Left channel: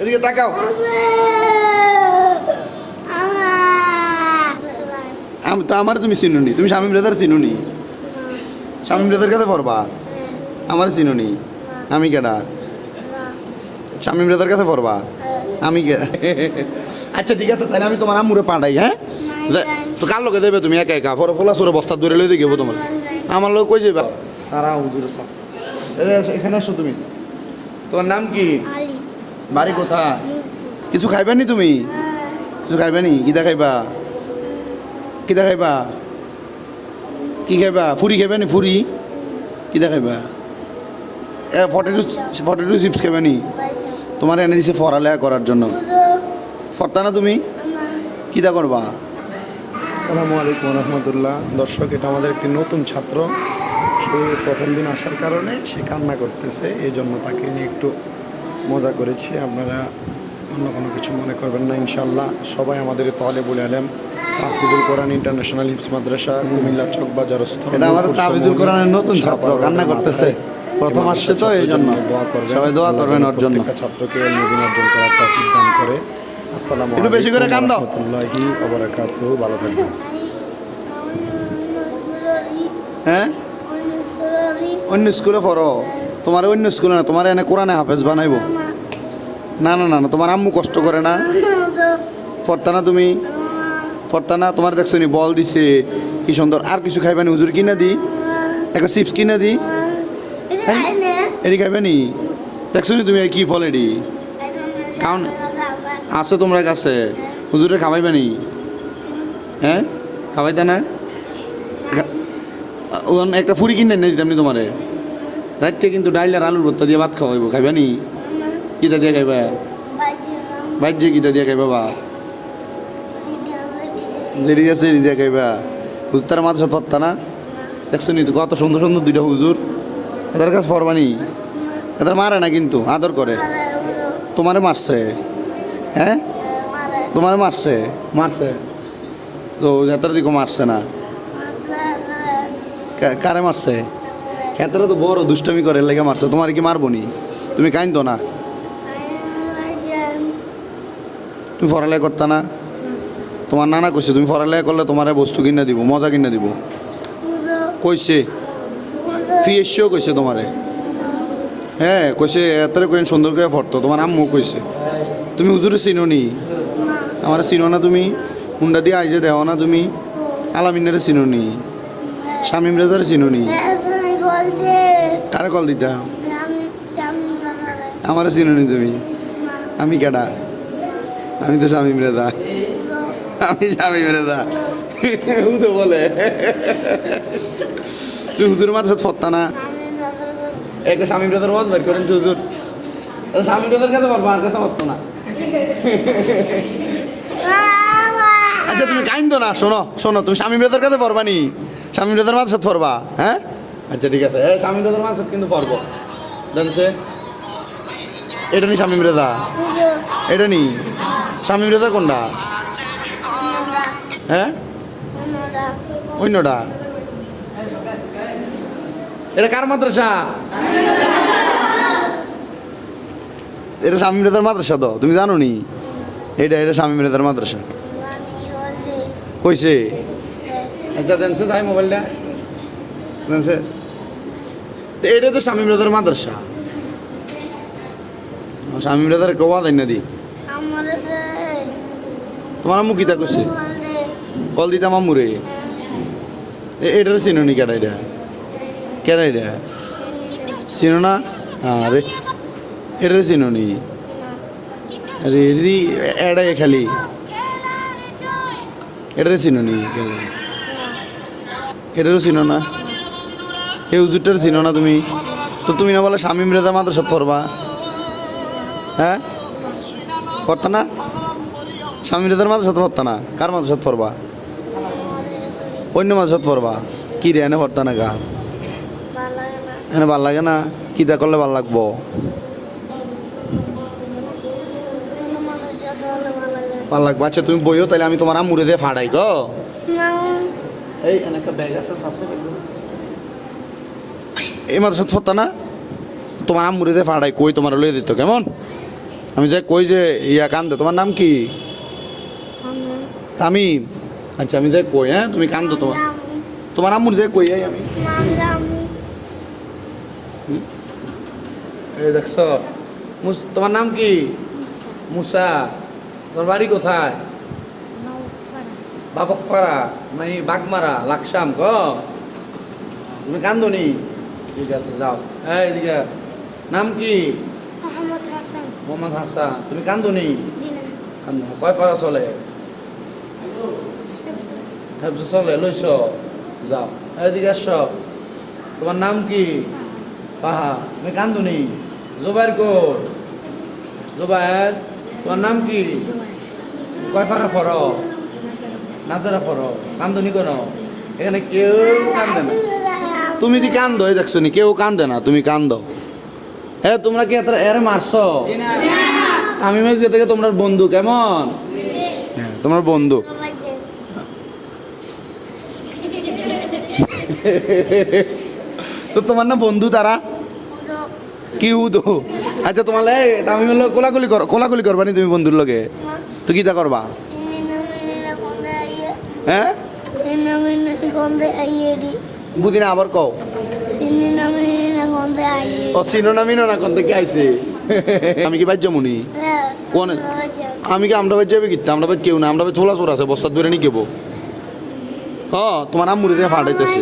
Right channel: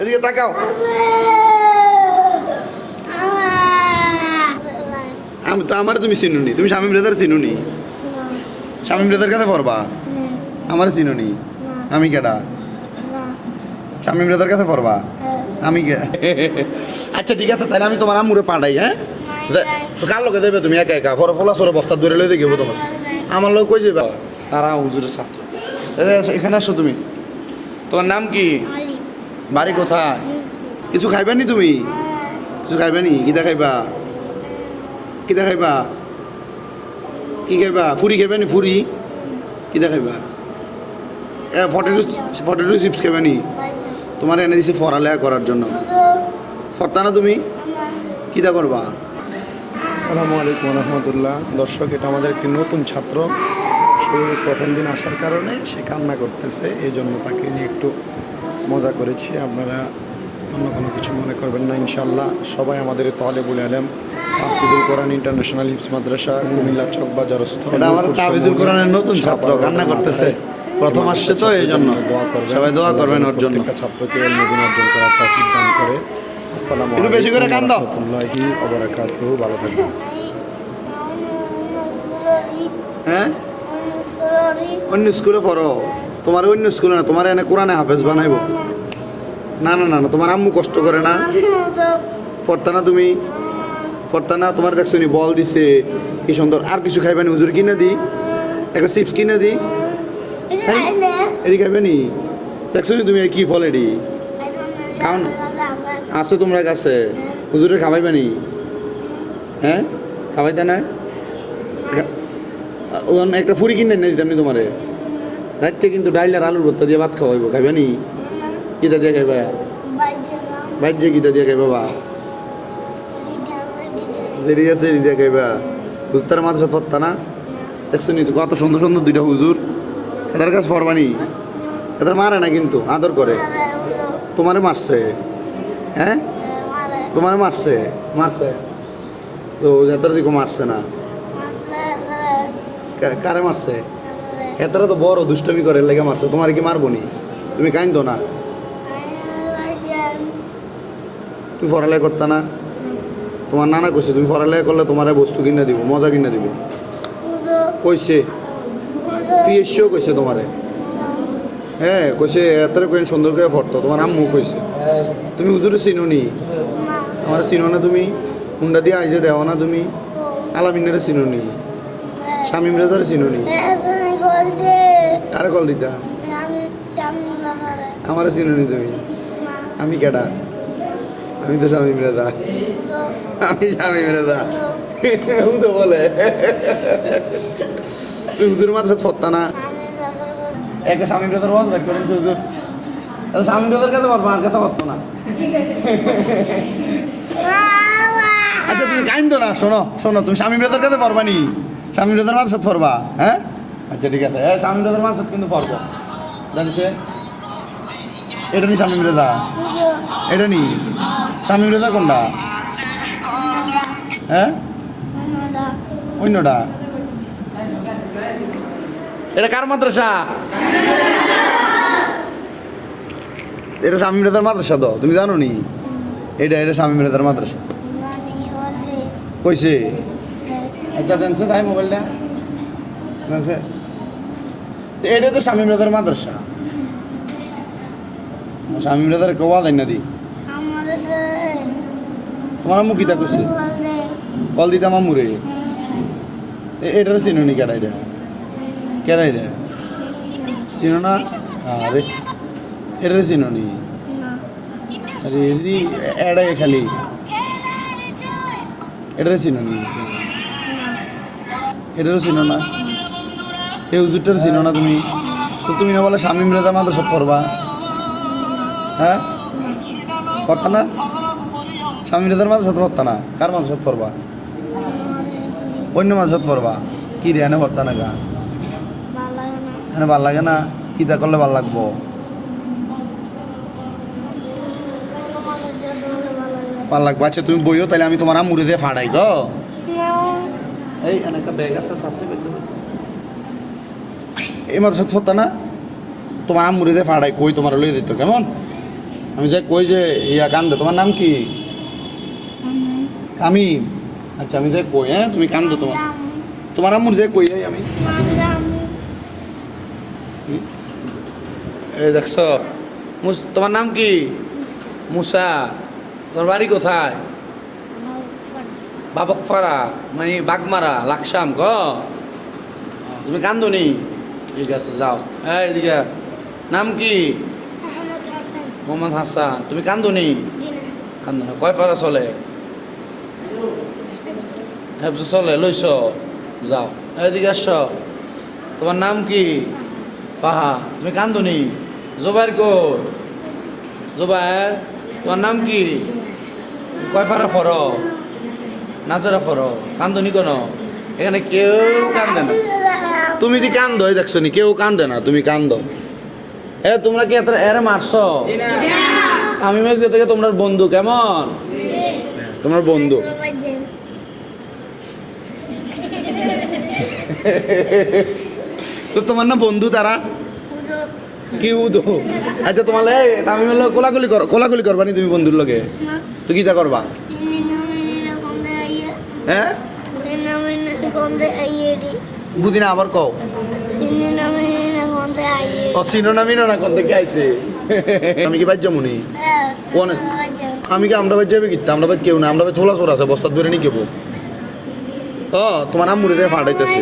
এদিকে তাকাও। আমি তো আমার তুমি চিনুনি। তুমি স্বামী ব্রাদার চিনুনি? স্বামী ব্রাদার কাছে পড়বা? আমার চিনুনি? আমি কেডা? স্বামী ব্রাদার কাছে পড়বা? আমি আচ্ছা ঠিক আছে, তাহলে আমি তোমার আম্মুরে পাঠাই হ্যাঁ? কার লোকে যাবে তুমি একা একা? পরে ফলা সরে বস্তা ধরে লই দেবো তোমার। আমার লোক কই যাবা তারা হুজুরের ছাত্র। এখানে আসো তুমি। তোমার নাম কি? বাড়ি কোথায়? কিছু খাইবা নি তুমি? কিছু খাইবা নি খাইবা কিতা খাইবা কি খাইবা? ফুরি খাইবা নি ফুরি? কিতা খাইবা এ ফটেটো ফটেটো চিপস খাইবা নি তোমার এনে দিছে ফরালেয়া করার জন্য। ফরতা না তুমি? কিতা করবা? আসসালামু আলাইকুম রহমতুল্লাহ। দর্শক, এটা আমাদের একটি নতুন ছাত্র। সে প্রথম দিন আসার কারণে সে কান্না করতেছে এই জন্য তাকে নিয়ে একটু মজা করেছি আপনারা অন্য কোনো কিছু মনে করবেন না ইনশাল্লাহ সবাই আমাদের তলে বলে আলেম। হাফিজুল কোরআন ইন্টারন্যাশনাল হিপস মাদ্রাসা কুমিল্লা চক বাজারস্থ আমাদের কোরআনের নতুন ছাত্র কান্না করতেছে। প্রথম আসছে তো এই জন্য দোয়া করবেন। সবাই দোয়া করবেন ওর জন্য ছাত্রকে এলমদিন অর্জন করার তৌফিক দান করে। আসসালামু আলাইকুম রহমতুল্লাহি ওবারাকাতুহু। ভালো থাকবেন। হ্যাঁ? অন্য স্কুলে পড়ো। তোমার অন্য স্কুলে না তোমার এনে কোরআনে হাফেজ বানাইবো। না না না না তোমার আম্মু কষ্ট করে না? পড়তা না তুমি? পড়তা না তোমার দেখছ নি বল দিছে কি সুন্দর আর কিছু খাইবে নি? হুজুর কিনে দি একটা চিপস কিনে দি। এডি খাইবে নি? দেখছ নি তুমি কি ফল এডি? খাও না। আছে তোমরা কাছে। হুজুরে খাওয়াইবে নি? হ্যাঁ? খাওয়াইতে না? একটা ফুরি কিনে এনে দিতাম নি তোমারে। রাত্রে কিন্তু ডাইল আর আলুর ভর্তা দিয়ে ভাত খাওয়াইব খাইবা নি? কিতা দিয়ে খাইবা? বাজ্যে কিতা দিয়ে খাইবা বা? জেরি আছে এরি দিয়ে খাইবা। হুজুর মাথা সাথে ফত্তা না? দেখছ নি তো কত সুন্দর সুন্দর দুইটা হুজুর? এদের কাছে ফরবানি এদের মারে না কিন্তু, আদর করে। তোমারে মারছে। হ্যাঁ? তোমারে মারছে। মারছে। তো এদের দিকে মারছে না। কারে মারছে? হেতারা তো বড় দুষ্টমি করে লেগে মারছে। তোমার কি মারবো নি? তুমি কাইন্দ না? তুমি ফরালে করতা না? তোমার নানা কইছে, তুমি ফরালে করলে তোমার বস্তু কিনে দিব, মজা কিনে দিব। কইছে? ফ্রি এসেও কইছে তোমারে। হ্যাঁ কইছে, এতরে কইন সুন্দর করে ফরতো। তোমার আম্মু কইছে। তুমি হুজুরে চিনো নি? আমার চিনো না তুমি? হুন্ডা দিয়ে আইজে দেওয়া না তুমি? আলামিনারে চিনো নি? শামিম রাজারে চিনো নি? কারে কল দিতা? আমারে চিনো নি তুমি? আমি কেডা? আমি তো স্বামী রেজা আমি স্বামী রেজা ও তো বলে। তুই হুজুর মাঝে ফত্তা না? একটা শামিম রেজার ওয়াজ বাইর করেন হুজুর। শামিম রেজার কাছে পারব আর কাছে পারতো না। আচ্ছা তুমি কাইন্দ না? শোনো শোনো তুমি শামিম রেজার কাছে পারবা নি? শামিম রেজার মাঝে সাথে হ্যাঁ? আচ্ছা ঠিক আছে। হ্যাঁ শামিম রেজার মাঝে কিন্তু পড়ব জানছে এটা নি শামিম রেজা এটা নি? শামিম রেজা কোনটা? হ্যাঁ অন্যটা। এটা কার মাদ্রাসা? এটা শামিম রেজার মাদ্রাসা তো, তুমি জানো নি? এটা এটা শামিম রেজার মাদ্রাসা। কইছে? আচ্ছা দেনছে তাই মোবাইলটা। দেনছে তো এটা তো শামিম রেজার মাদ্রাসা। শামিম রেজার একটা ওয়াদ না দি। তোমার আম্মু কিতা করছে কল দিতাম আম্মুরে। এ- এটার চিনো নি কেডা এটা কেডা এটা চিনো না? আরে এটার চিনো নি? আরে জি এড়াই খালি। এটার চিনো নি এটারও চিনো না? এই হুজুরটার চিনো না তুমি? তো তুমি না বলে স্বামী রেজা মাত্র সব করবা। হ্যাঁ? করতো না? স্বামী রেজার মাত্র সাথে করতো না? কার মাত্র সাথে করবা? অন্য মাছ সাথে করবা? কি রে এনে করতো না গা? এনে ভালো লাগে না? কি দা করলে ভালো লাগবো? ভালো লাগবো? আচ্ছা তুমি বইও তাহলে আমি তোমার আমুরে দিয়ে ফাড়াই গো। এই এনে একটা ব্যাগ আছে এই সাথে করতো না? তোমার আমুরে দিয়ে ফাড়াই কই তোমার লই দিত কেমন? আমি যে কই যে ইয়া কান্দে তোমার নাম কি? তামিম। আচ্ছা আমি যে কই হ্যাঁ তুমি কান্দো তোমার। তোমার আম্মুর যে কই আমি। এই দেখছ মুস- তোমার নাম কি? মুসা। তোমার বাড়ি কোথায়? বাবক বাবকপাড়া মানে বাগমারা লাকসাম ক? তুমি কান্দনি? ঠিক আছে যাও। এই এদিকে নাম কি? মোহাম্মদ হাসান। তুমি কান্দনি কান্দো না। কয় পারা চলে? হেফজ চলে লইছ? যাও। এদিকে আস তোমার নাম কি? পাহা তুমি কান্দনি জোবাইর কই? জোবাইর তোমার নাম কি? কয় ফারা ফর? নাজরা। ফর। কান্দনি কেন? এখানে কেউ কান্দে না। তুমি দি কান্দো? এই দেখছ নি কেউ কান্দে না তুমি কান্দো। এ তোমরা কি এত এর মারছ? আমি মাঝে থেকে তোমরা বন্ধু কেমন? হ্যাঁ, তোমার বন্ধু। তো তোমার না বন্ধু তারা? কি উদো? আচ্ছা তোমার এই তামিমের লোক কোলাকুলি কর কোলাকুলি করবা নি তুমি বন্ধুর লগে? তুই কিটা করবা? হ্যাঁ? বুঝি না আবার কও ও চিনো মিনো না কোন থেকে আইছে আমি কি বাদ মুনি কোন আমি কি আমরা বাজ্য যাবে কিতা আমরা বাদ কেউ না আমরা বাজ থোলা চোর আছে বস্তাত বেরে নি কেবো হ তোমার আম্মুরে দিয়ে ফাটাইতেছে